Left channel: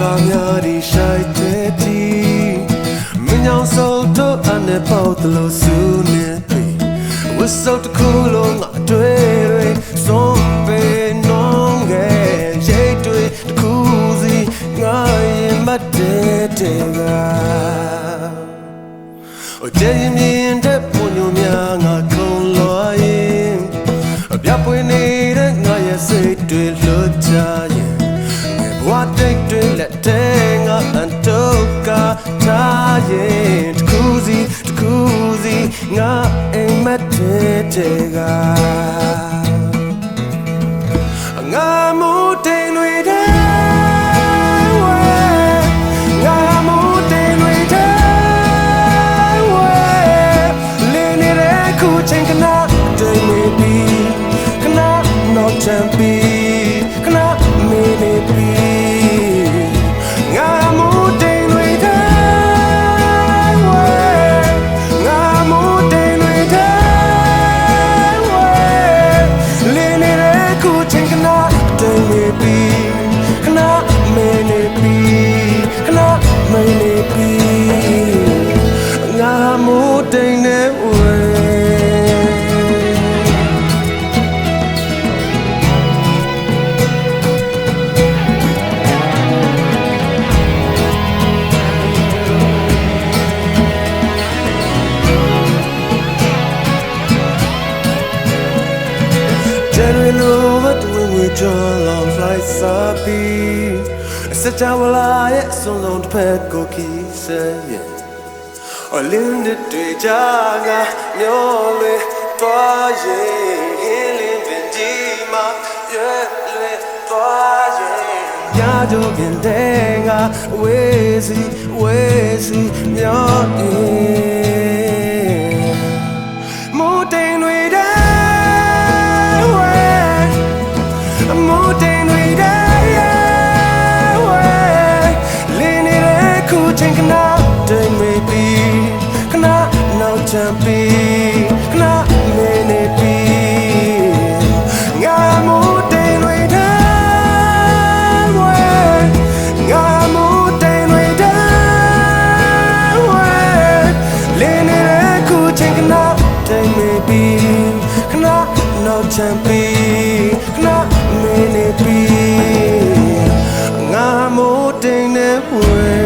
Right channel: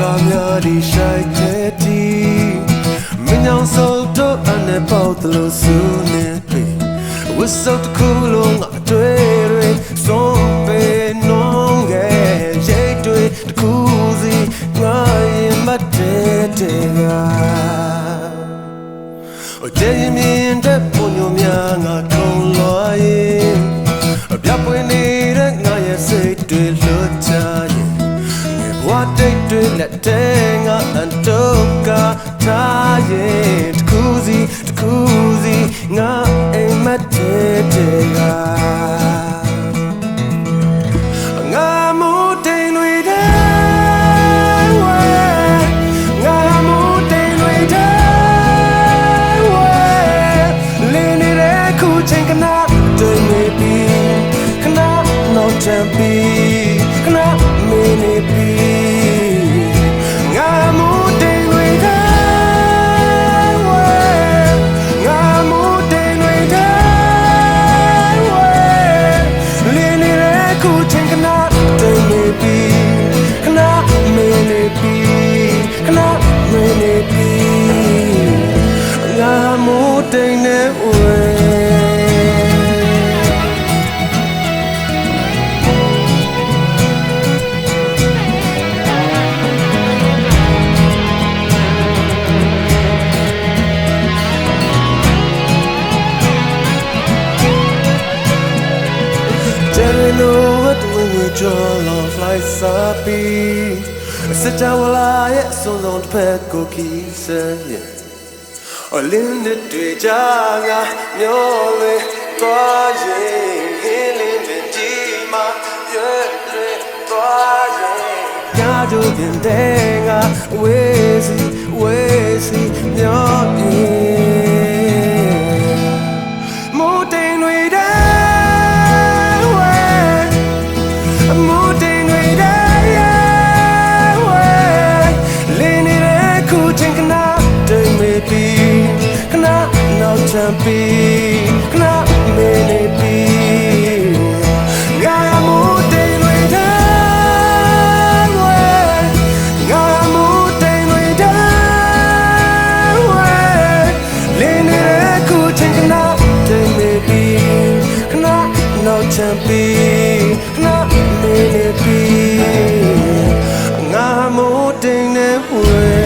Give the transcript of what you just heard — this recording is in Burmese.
တိုင်းနဲ့တော့ကများဒီရှိုက်တဲ့တီမင်းအောင်စောတော့အနေပေါ့တလို့စုနေပြီဝစ်စောတခုလုံးငါတွေ့တွေစွန်ပေနုံးငယ်ရိတ်တွေတခုစီငါရင်မတတဲ့တဲ့က။အကျဉ်းမြင်တဲ့ပုံညိုများငါကုံလွာရင်အပြပွင့်နေတဲ့ငါရဲ့စိတ်တွေလှုပ်ချရင် ငယ်ဘဝတိတ်တွေလက်ထဲငါအန်တုကထားရင်တခုစီတခုစီငါအိမ်မက်တဲ့တဲ့ကငါ ချန်ပြီခဏမင်းနေပြီငါမူတင်တွေတဲ့ဝဲငါမူတင်တွေတဲ့ဝဲလင်းနေတဲ့ခုချိန်ခဏတွေ့နေပြီခဏမင်းနေပြီခဏမင်းနေပြီငါမိုးတိမ်နေဝဲ ကျရလိုဝတ်ဝင်ဝင်ကြော်လောင် fly စာပီစကြဝဠာရဲ့အစုံဆုံးတစ်ဖက်ကိုခီးစရဲ့အလင်းတွေကြငါမျောလွင်သွားရင်ဟင်းလင်းပင်ကြီးမှာရွယ်လွင်သွားရင်ညကြိုပင်တဲ့ငါဝေးစီဝေးစီမျောရင် ပြီးခဏနောက်ချမ်းပြီးခဏမေးနေပြီးငါမူတိမ်တွေထဲဝဲငါမူတိမ်တွေထဲဝဲလင်းနေတဲ့ခုချိန်ခဏတိမ်မေးပြီးခဏနောက်ချမ်းပြီးခဏမေးနေပြီးငါမူတိမ်တွေဝဲ